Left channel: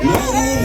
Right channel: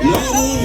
你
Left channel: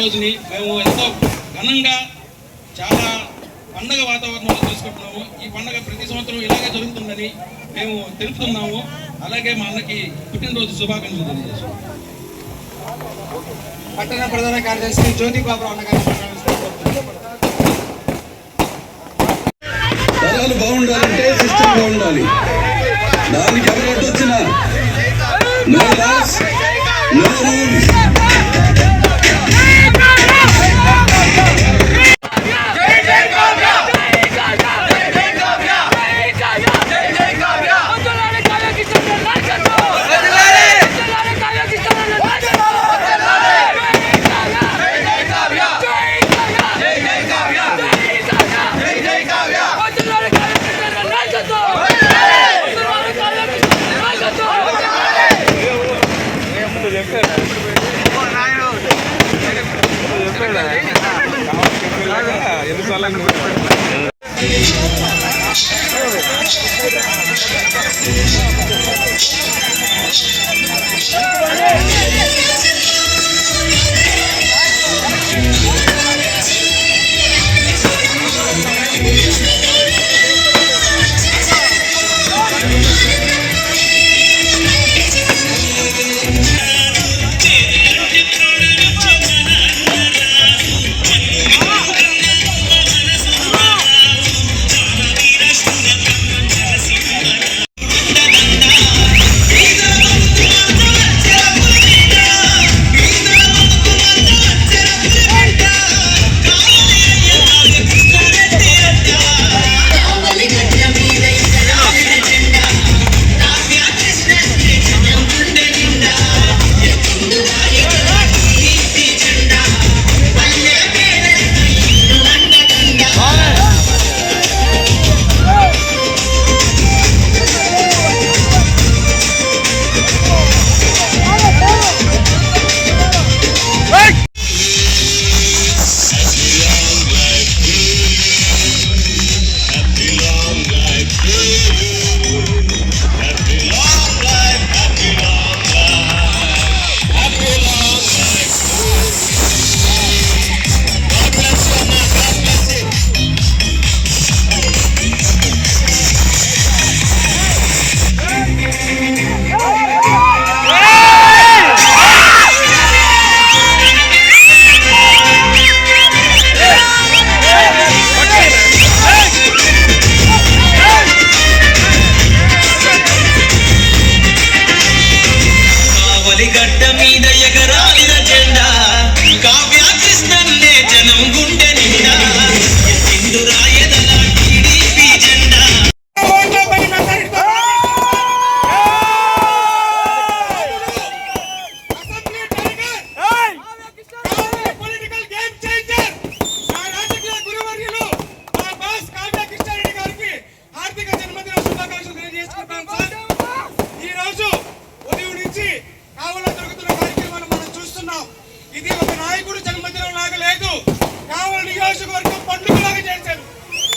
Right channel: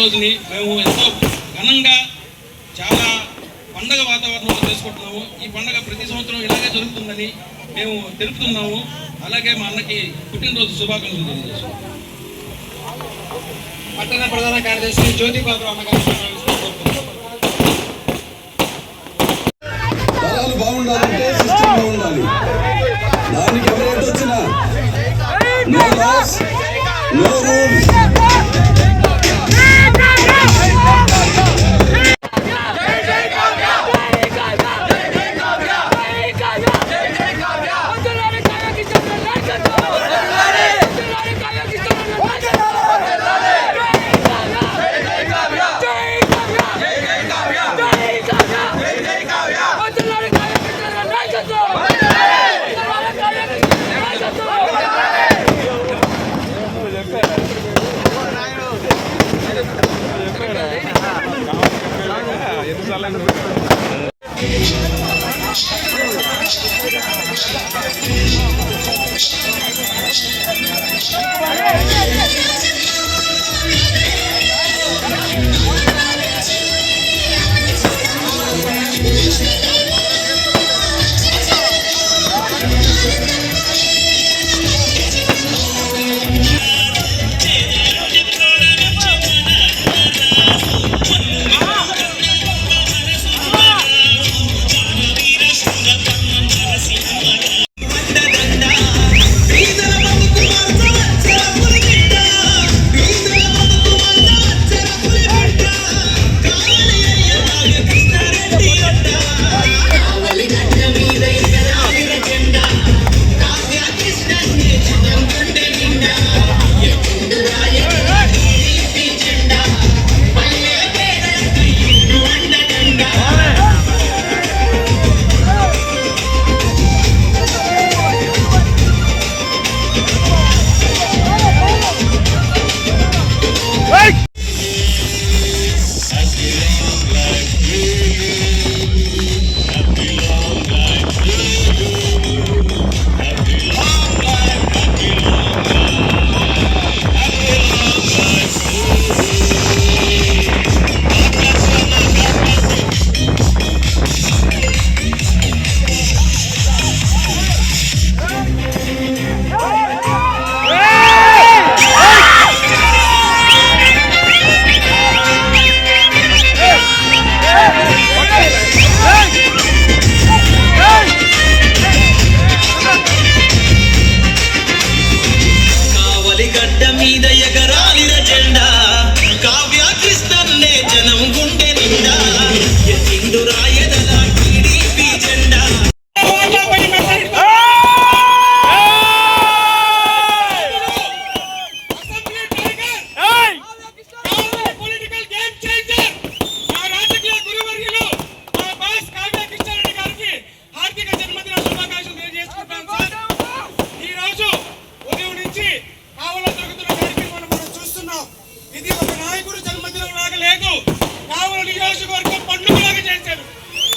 రోజుని మేము ఎంతో ఘనంగా చాలా పండగ వాతావరణంలో చేసుకుంటున్నాము. ఈ పండగ ప్రతి సంవత్సరం ఇలాగే జరుగుతుందని మేము తెలుపుతున్నాము. అలాగే మా అన్నకి పుట్టినరోజు శుభాకాంక్షలు తెలియజేస్తున్నాం పట్టణ ప్రధాన కార్యదర్శి జ్యోతిబాబు అన్నగారు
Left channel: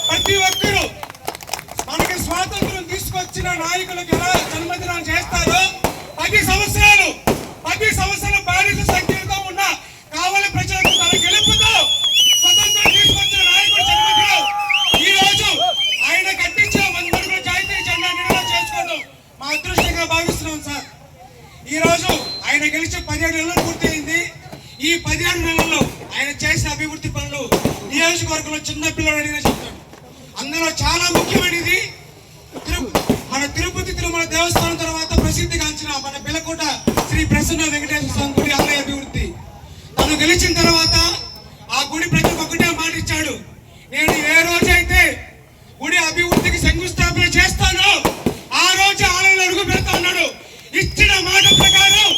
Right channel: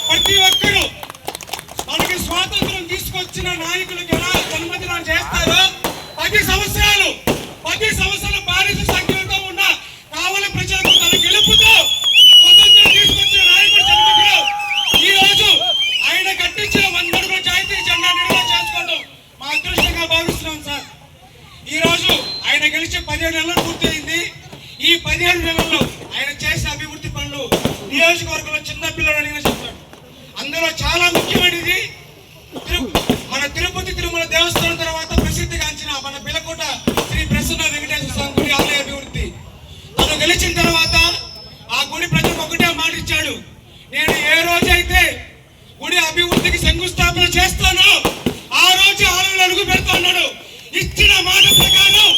ప్రతి ఒక్కరూ మనకి స్వాతంత్రం తీసుకొచ్చిన నాయకులకు ఎలా జన్మదినం చేస్తారో పది సంవత్సరాలు పది సంవత్సరాల బానిస సంఖ్యలతో ఉన్న కావలి ప్రజలకు తన గెలుపుతో స్వతంత్రం తీసుకొచ్చిన నాయకుడు జన్మదినం. ఈ రోజు ఆయన కట్టించిన వందడుగుల జాతీయ జెండా నిర్ణయం చేసుకోవడం మా అదృష్టంగా భావిస్తున్నాం సార్. ఈ రోజు ఆయన గెలిచి పదిహేడు నెలలు పూర్తయింది. ఈ పదిహేను నెలల్లో ఆయన చేసిన అభివృద్ధి పనులు నియోజకవర్గంలో చిన్న పిల్లలు అడిగిన చెప్తాడు అందులో చాలా ముఖ్యమైనది తిరు- మన తిరుపతి తిరుమల దేవస్థానం తర్వాత ప్రసిద్ధిగాంచిన మన పిల్లకోట శ్రీ ప్రసన్న వెంకటేశ్వర స్వామి గుడి ఆలయ అభివృద్ధి. తను గెలిచిన తర్వాత ఆ గుడి ప్రతి ఒకటే మాట ఇచ్చాడు. నేను ఏ రోజైతే గుడి అభివృద్ధికి శంకుస్థాపన చేస్తానో ఆ రోజు ఆలయంలో అడుగు పెడతా అన్నాడు. ఇచ్చిన మాట ప్రకారం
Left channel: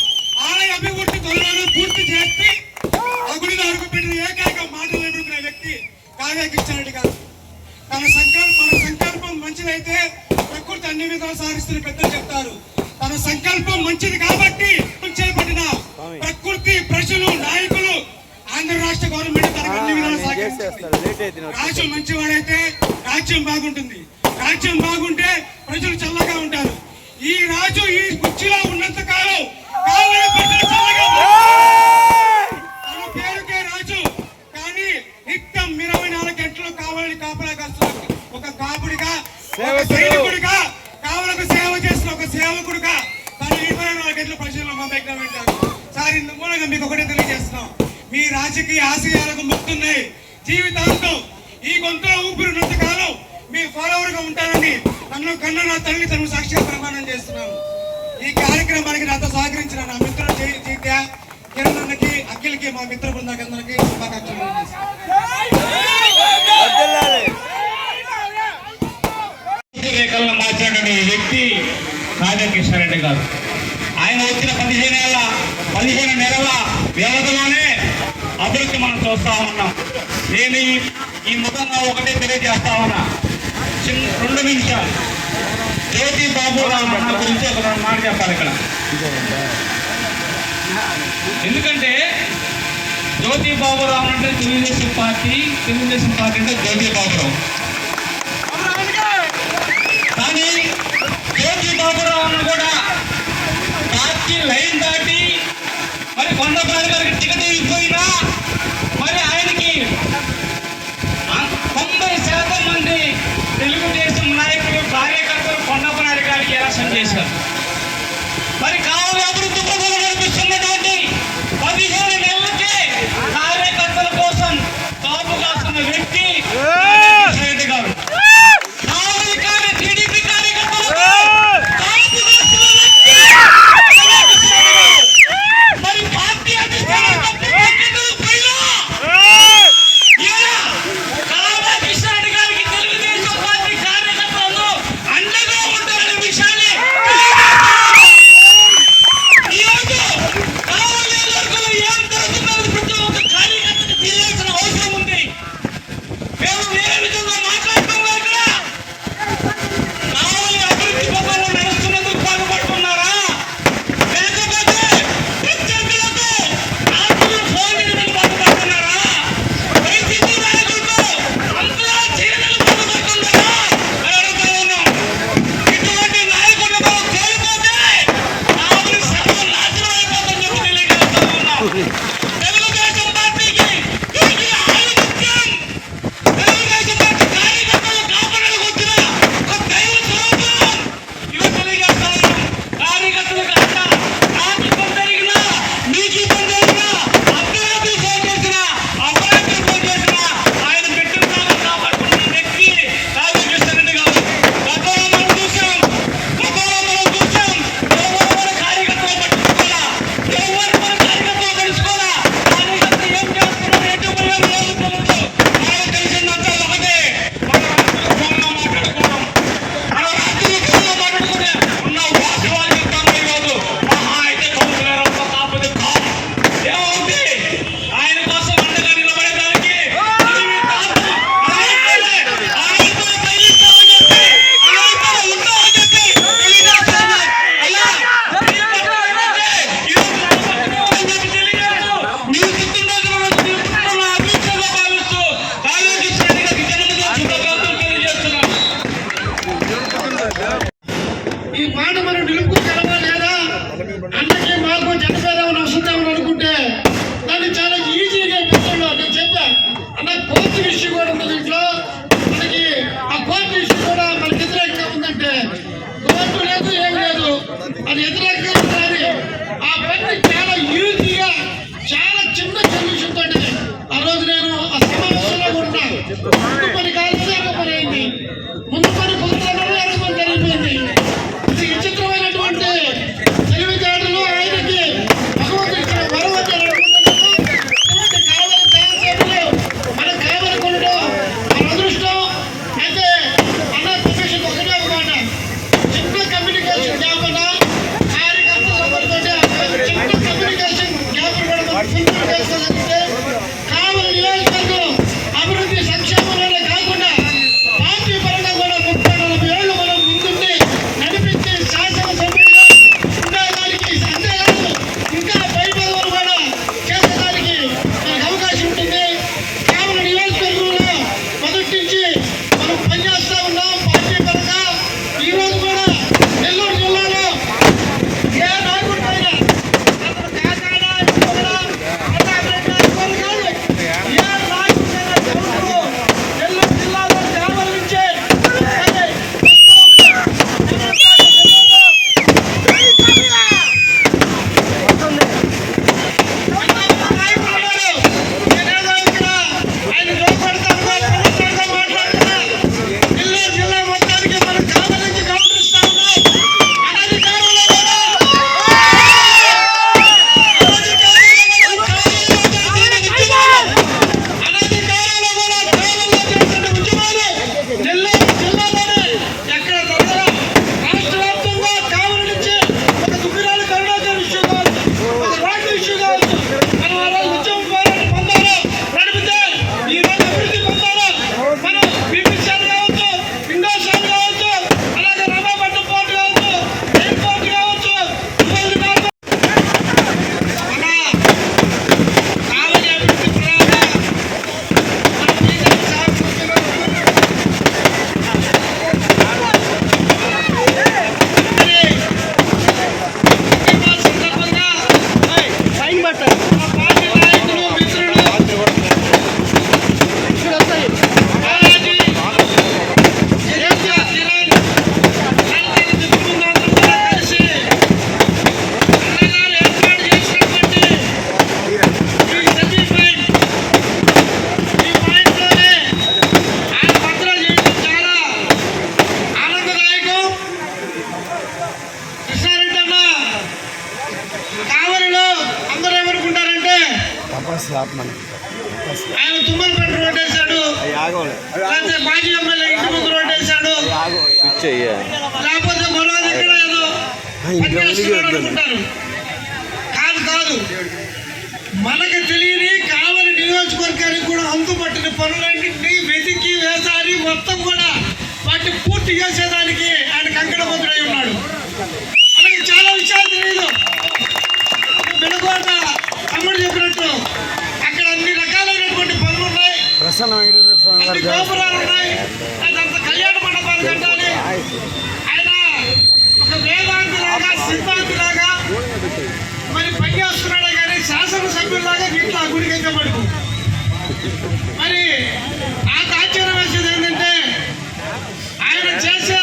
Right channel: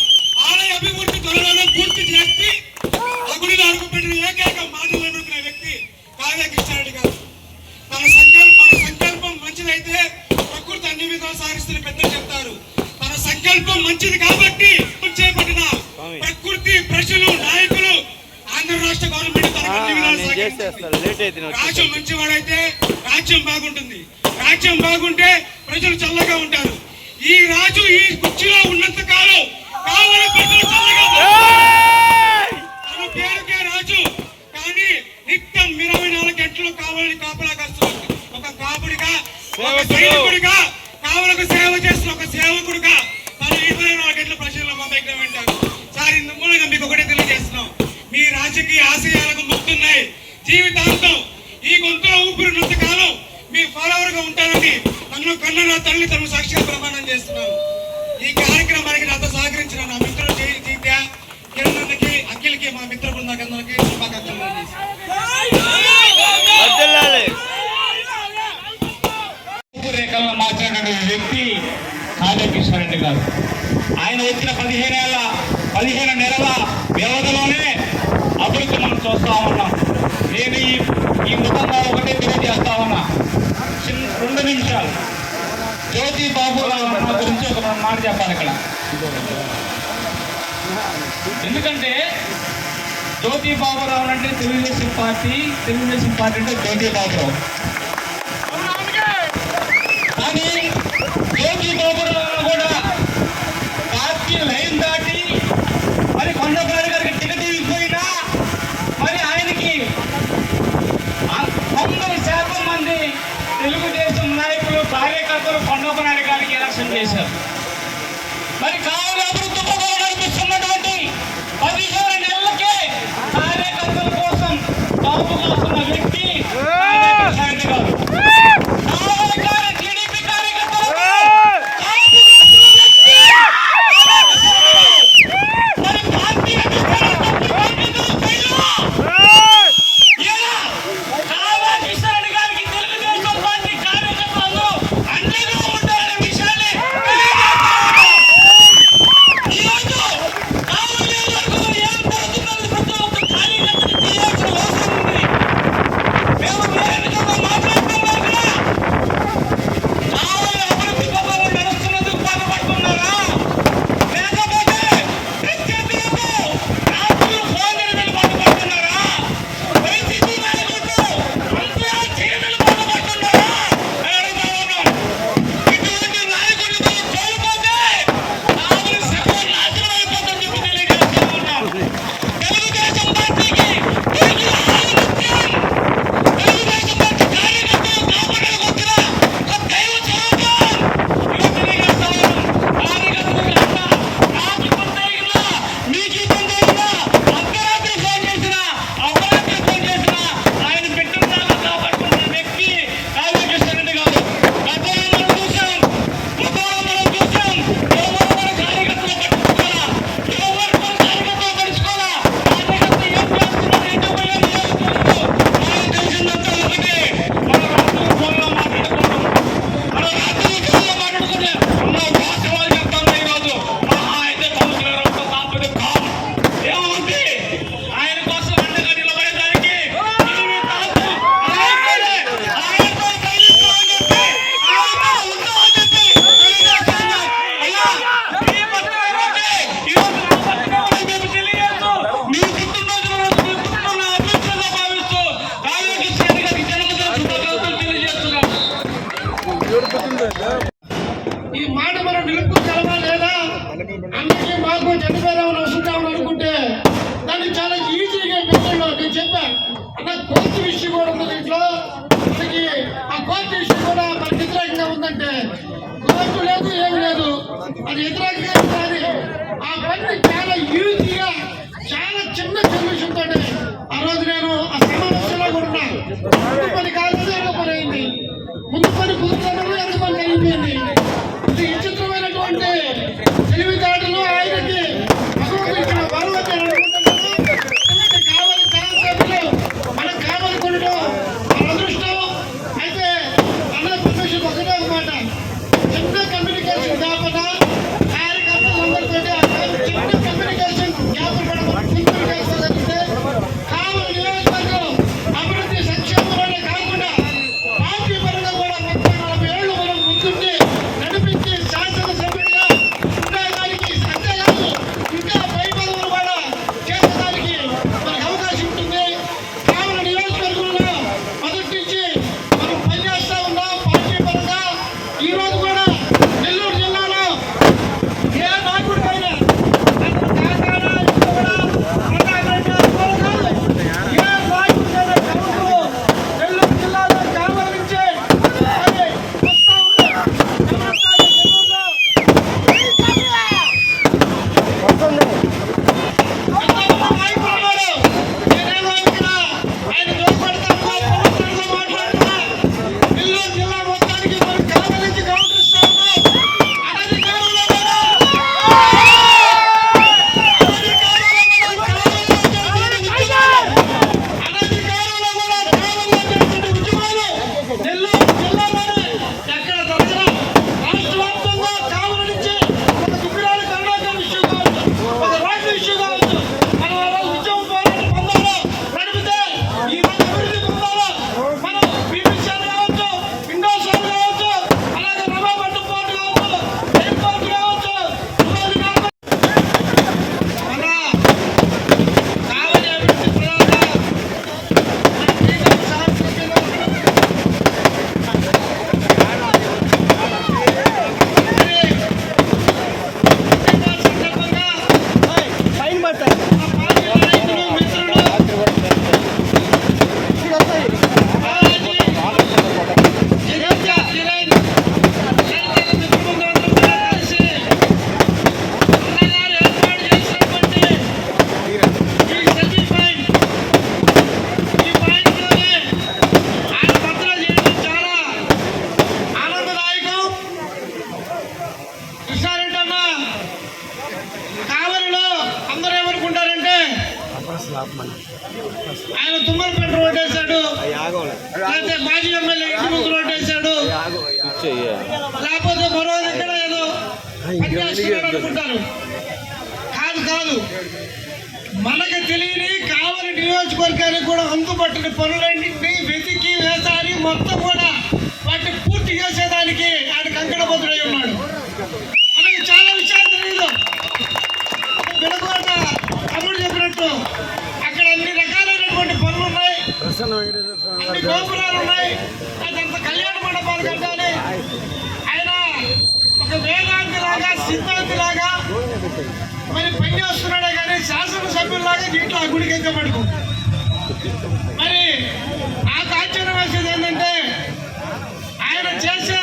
ఆలయ అభివృద్ధి త్వరలోనే పూర్తి చేసి గుడిలో అడుగు పెట్టిన ఏకైక మాట నిలబడుకునే వ్యక్తి కావ్య కృష్ణారెడ్డి గారు. తన సంకల్పం మన సంకల్పం మంచిదైతే ప్రకృతి అన్ని విధాలు సాగిస్తున్న పెద్దలు చెప్తారు. తన సంకల్పం మంచిది కాబట్టి చేపట్టిన ప్రకృతి ప్రజలు నాయకులు ఆంధ్ర రాష్ట్ర గవర్నమెంట్ రాజ్యం మంచివాడైతే రాజ్యం బాగుంటుంది. రాజ్యం బాగుంటే ప్రజలు చల్లగా ఉంటారు. ఈ రాజు ఈ కుర్చీలో ఉన్నంత కాలం కావాలి ప్రజలు చల్లగా ఉంటారు. తన పేరుకే రాజు కానీ నిత్యం ఇరవై నాలుగు గంటలు కావాలని కాపలా కాస్తుంది ఒక కాపుడిగా ఒక సైనికుడిగా కావలకు సేవ చేసిన ఒక సేవకుడిగా తన ఇరవై నాలుగు గంటల ప్రజల్లో మా దగ్గర ఉంటాడు సార్ ఇందుకు మీకు ఒకటే తెలియజేస్తున్నాం. మీ రాజకీయ ఆశయాలకు మొక్కున్నాయి జీవితాంతం ఈ గొంతులో ఊపిరినంత కాలం మీ ఫాలోవర్గా ఉంటానని నన్ను కన్న నా తల్లి తను సాక్షిగా ప్రమాణం చేస్తున్నాను. ఈ కార్యక్రమానికి నాతో సహకరించిన నా మిత్రుడు చీత్య జీత్య కిరణ్కి అఖిల్కి మా మిత్ర బృందాకందరికి శుభాకాంక్షలు రేఖలను మార్చినటువంటి వ్యక్తి కావ్య కృష్ణారెడ్డి గారు. ఆయన వచ్చిన పదిహేను ఏళ్ళ పదిహేను నెలల వ్యవధిలోనే అభివృద్ధి మనం చూస్తా ఉన్నాం. నేను ఈ ముఖంగా ఒకటే తెలియజేస్తా ఉన్నా చిన్న రెండు నిమిషాలు. జ్యోతి బాబు అన్న గురించి ఒక మాట చెప్పాలి ఇక్కడ. ఎందుకంటే జ్యోతి బాబురావు అంటే తెలుగుదేశం పార్టీ తెలుగుదేశం పార్టీ అంటే జ్యోతి బాబురావు కానీ జ్యోతి బాబురావును కూడా పార్టీ లైన్ దాటి మరి I don't know. ఆయన కాదు కాదు. మనకు తెలియని కావలి నియోజకవర్గానికి కూడా అందుబట్టిన పనులన్నింటినీ వెతికి వేసారి మొత్తం కూడా వాటిని పూర్తి చేసేదానికి ఆయన కంకణబద్ధుడై ఉన్నాడు. కళ్యాణ ఆయన ఒక వేదాంతిలాగా సిద్ధాంతిలాగా మరి పనిచేస్తున్నాడే కానీ మరి నాకు ఆశ్చర్యం వేసేది ఏంటంటే ఆయన చేసే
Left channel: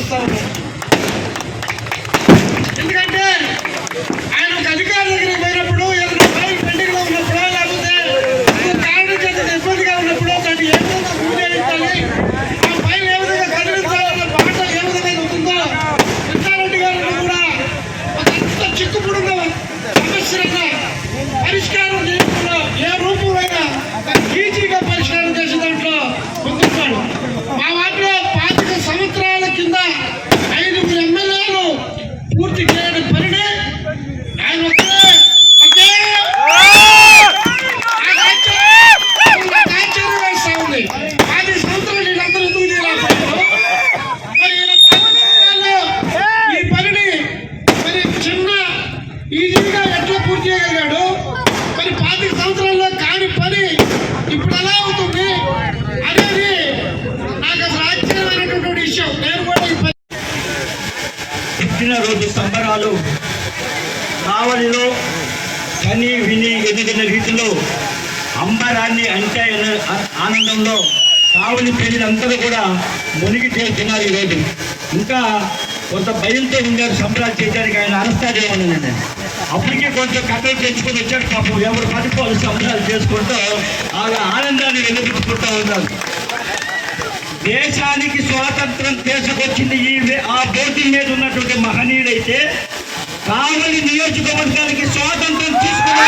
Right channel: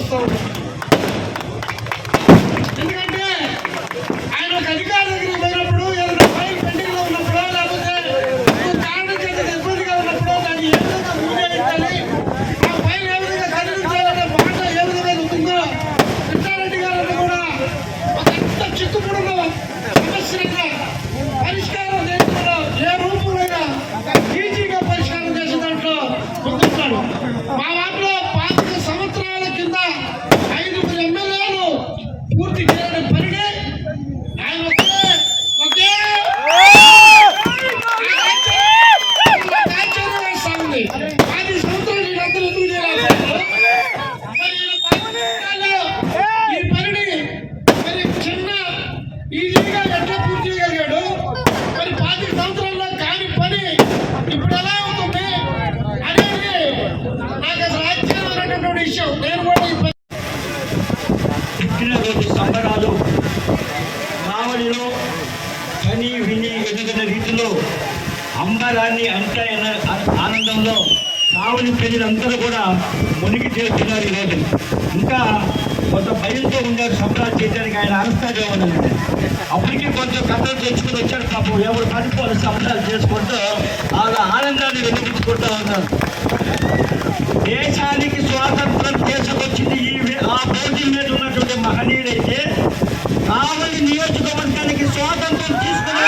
Santo. కొంచెం కట్టలు తెచ్చుకుని వచ్చాడు పాపం. ఎవరు పడిపోవాలి సంబరాలు చేసుకుంటూ ఆ ఆనందాన్ని వెలుగుతుంటూ ఉన్నారు. దేశానికి స్వాతంత్రం తీసుకొచ్చింది ఈ ఆ పోటీ మీద ఉన్నటువంటి మహనీయుడైతే కావలి నియోజకవర్గానికి స్వాతంత్రం తీసుకున్న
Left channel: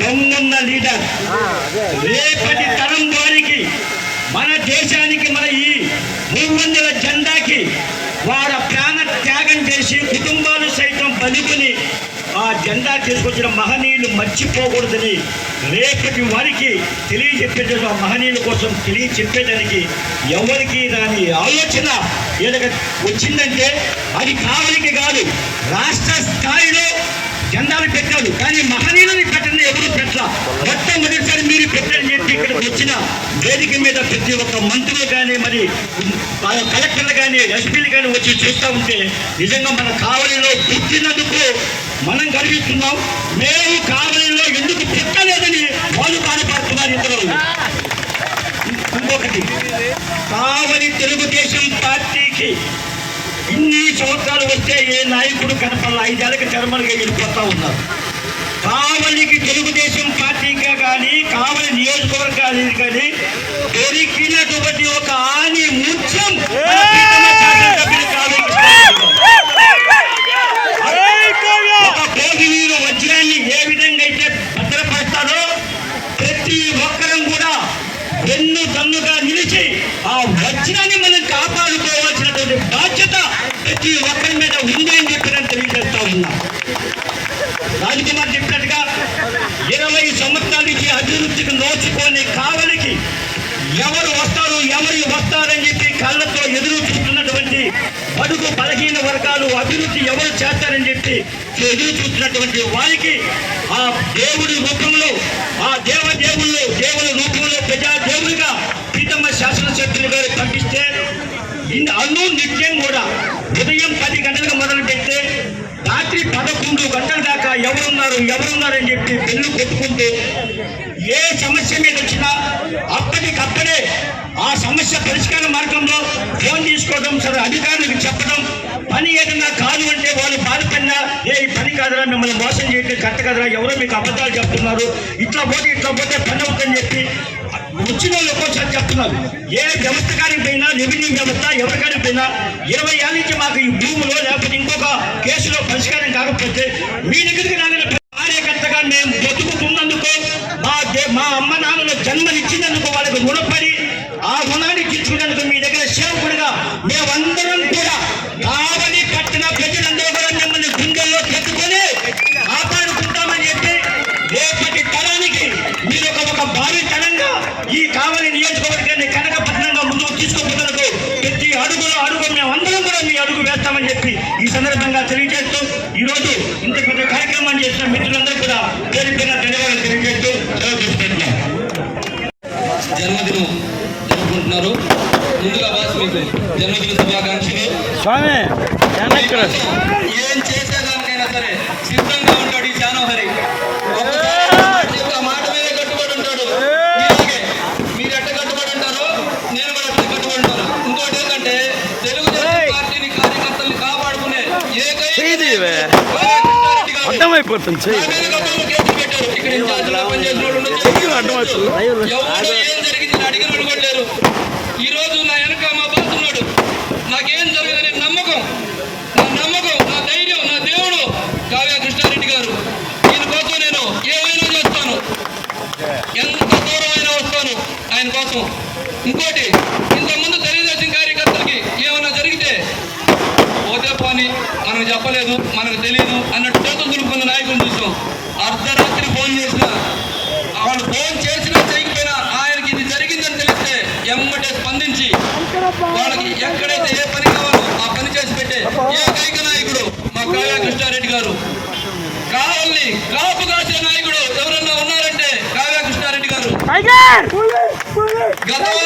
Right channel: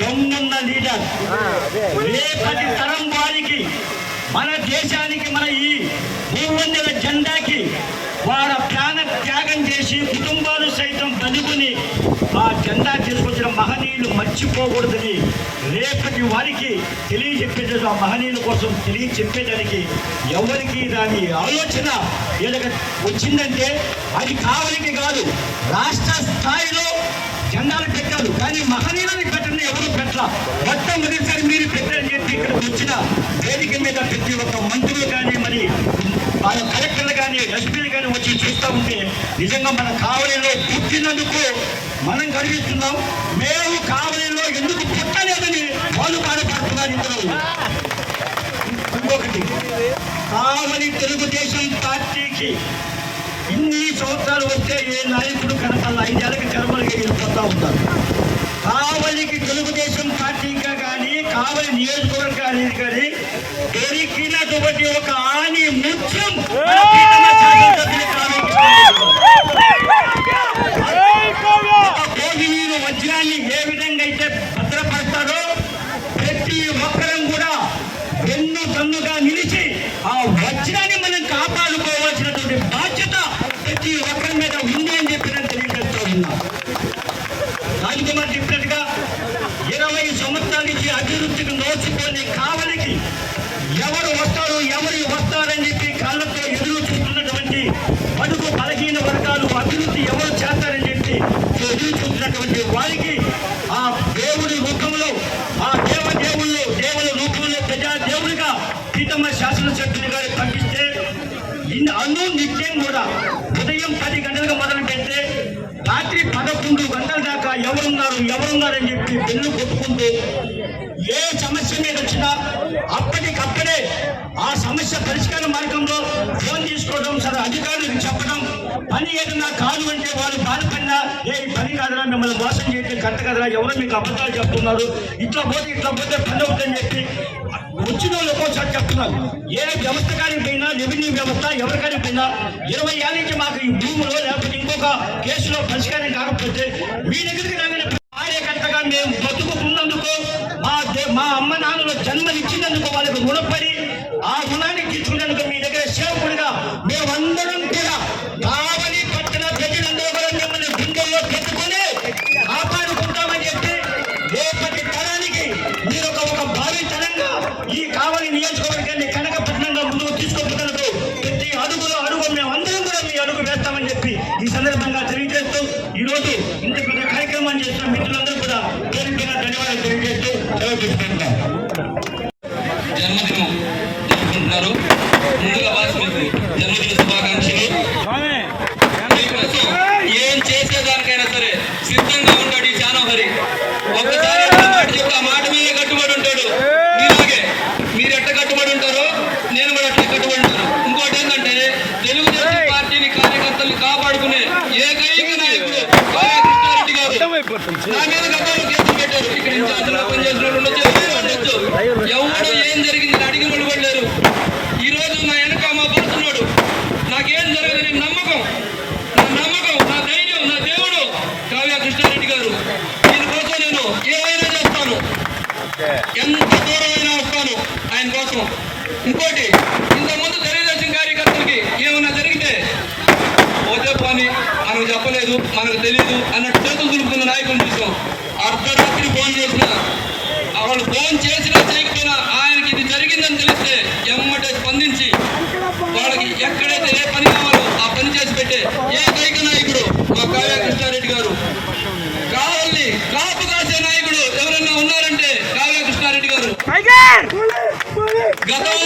దొంగన్న లీడర్ రేపటి తరం వారికి మన దేశానికి మన ఈ భూమందిర జెండాకి వారి ప్రాణ త్యాగం చేసి కుటుంబాలు సైతం బలికొని ఆ జెండా తీసుకొచ్చిన మహనీయులు మర్చిపోకూడదని రేపటి వారికి తెలియజెప్పేది ఆ మహనీయుల కోసం తెలియచెప్పేదానికి ఎవరికి దాని ఆలోచన వీళ్ళకి వచ్చిందంటే అది కావలికి కాదు రాష్ట్ర స్థాయిలో జెండాలు పెట్టారు. కానీ మహనీయులని పెట్టిన ఎవరు పెట్టాల? మొత్తం మీరు పెట్టని చెప్పి ఇక్కడికి వచ్చిన వేదిక మీద ప్రతి ఒక్క మంత్రి కానీ మరి మన కలెక్టర్లు కానీ ఎస్పీలు కానీ వచ్చి చూస్తూ ఉంటే నిజంగా మన కావలిలో పుట్టినందుకు మనం గర్విస్తున్నాం. మేము కావలిలో ఎందుకు పుట్టలేదని వాళ్ళు బాధపడుతున్నారు ఇద్దరు ఇంకొకటి కావలి తెలుగుదేశం పార్టీకి ఇన్ని సంవత్సరాలు వస్తే ఏ నాయకుడు కనపడాలి? ఐదేళ్ళకి కనపడగా వెళ్ళిపోతా ఉన్నారు. కావలికి తెలుగుదేశం పార్టీగా కానీ కావలి నియోజకవర్గానికి కానీ దొరికినటువంటి ఒక ఆని ముత్యం భోగివీర వజ్రాన్ని ఏ విధంగా అయితే భద్రపడతారో ప్రతి ఒక్కరం కూడా వెన్ను దన్నుగా నిలిచి ఆ వజ్రాన్ని బెల్లు ఏ సమస్య మీద వచ్చినా అప్పటికప్పుడే ఆ సమస్య పరిష్కార మార్గంలో ఫోన్ తీసుకోవడం సరే అధికారులకు చెప్పడం పని ఏదైనా కాదు అంటే వాళ్ళు బాధపడినా ఏ ఈ పని కాదురా మిమ్మల్ని మోసం చేయడం కరెక్ట్ కదరా ఎవరో మీకు అబద్ధాలు చెప్తున్నారు ఇట్లా పోతే ఇట్లా పోతే పని అవుతుందని చెప్పి వచ్చిన వాళ్ళు ఒక్కోసారి చెప్తున్నారు. ఏ వ్యవస్థ కాడికి పోయినా రెవెన్యూ వ్యవస్థ ఎవరికైనా పోయినా ఇరవై ఏళ్ళ నుంచి మాకు ఈ భూమిలో లేకపోతే ఇంకొక కేసులో పరిష్కారం కాకపోతే మీ దగ్గరికి రాగిన ఇంకా మేము బతుకుతున్నందుకు మా మా అమ్మ నాన్నలు జన్మనిచ్చినందుకు వాళ్ళకి రుణపడి ఆ గుణానికి తీర్చుకునేందుకు మీ దగ్గర సేవకుడిగా మేమందరం కూడా కావలి పట్టణ ప్రజలందరూ కూడా మిమ్మల్ని గుండెల్లో పెట్టుకొని కాపాడుకుంటామని చెప్పి రేపటి తరానికి మీరు ఒక ఒక భావితనంగా ఈ కావలి నియోజకవర్గాన్ని కనకపట్నంగా ముందుకు తీసుకోగలరు ప్రతి అడుగులో అడుగు మేము అందరం కూడా మీ అడుగు వేస్తామని చెప్పి ఈ సందర్భంగా తెలియజేస్తూ ఈ రోజు ఇంత పెద్ద కార్యక్రమాన్ని చేసిన మిత్రులందరూ కూడా పేరు పేరు ధన్యవాదాలు తెలియజేస్తూ సెలవు తీసుకుంటున్నాం జన్మదినం జరుపుకుంటున్నారు ముందుగా బాస్ మీకు జన్మదిన శుభాకాంక్షలు ఏం చేసేదానికైనా సరే సిద్ధంగా ఉంటాడు ఈ జానోహరి ఒక్కసారి ఒక మాట చెప్తే ఆ మాట మీదే కట్టుబడి ఉంటాడు మీలాగే మీరు ఎట్ట కట్టుబడి ఉంటారో నేను కూడా అట్లా కట్టుబడి ఉంటాను ఇంకోటి ఏంటంటే తెలుగుదేశం పార్టీని కార్యకర్తల్ని కాపాడుకునే ఏకైక నాయకుడు కోవా కృష్ణారెడ్డి గారు. అర్థమైపోతుంది నా మీద గొప్ప కేసు పెట్టారు. ఇక్కడ ఇన్ఛార్జిగా పనిచేసిన వాళ్ళు ఉండొచ్చు, ఉండొచ్చు. ఎవరు ఏం జరిగింది అని అడిగిన వాళ్ళు కూడా లేరు. ఈ రోజు నా వెనక మా బాస్ ఉన్నాడు నాకేం జరగదని నమ్మకం నా నమ్మకం నా ధైర్యం నా దేవుడు కావ్య కృష్ణారెడ్డి గారు దీనికోసం నేను ఏమైనా చేస్తాను ఎంత దూరమైనా వస్తాను ఆయన కోసం ఇంకోటి ఇంతకుముందు తెలుగుదేశం కార్యకర్తలకి ఏమైనా జరిగితే పోతే పని మనకు చెప్పలేదు మనకు తెలియదు అన్నట్టు చేతులు దులుపుకున్న నాయకులు చూసాం అర్ధరాత్రి ఫోన్ చేసిన వాళ్ళు ఫోన్ చేసినా చేయకపోయినా ఆయనకి ఇది జరిగిందని తెలిస్తే ఎమ్మటే స్పందించి వాళ్ళకి ఎక్కడైతే ఏ పని కావాలో ఆ పని చేసి పెట్టే ఏకైక నాయకుడు మా కావ్య కృష్ణారెడ్డి గారు కావాలని కాపు కాసే నాయకుడు ఎవరన్నా ఉన్నారంటే కావ్య కృష్ణారెడ్డి గారు గతంలో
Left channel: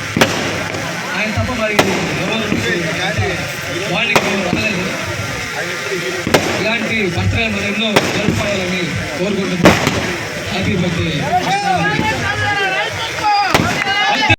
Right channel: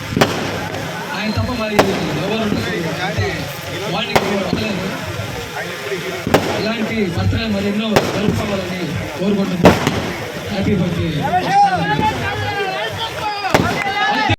అమ్మాయిని ఎవరు వాడికి రాలేదు ఇలాంటి పత్రాలు మరెన్నో జరుపుకోవాలని కోరుకుంటున్నాను హ్యాపీ బర్త్డే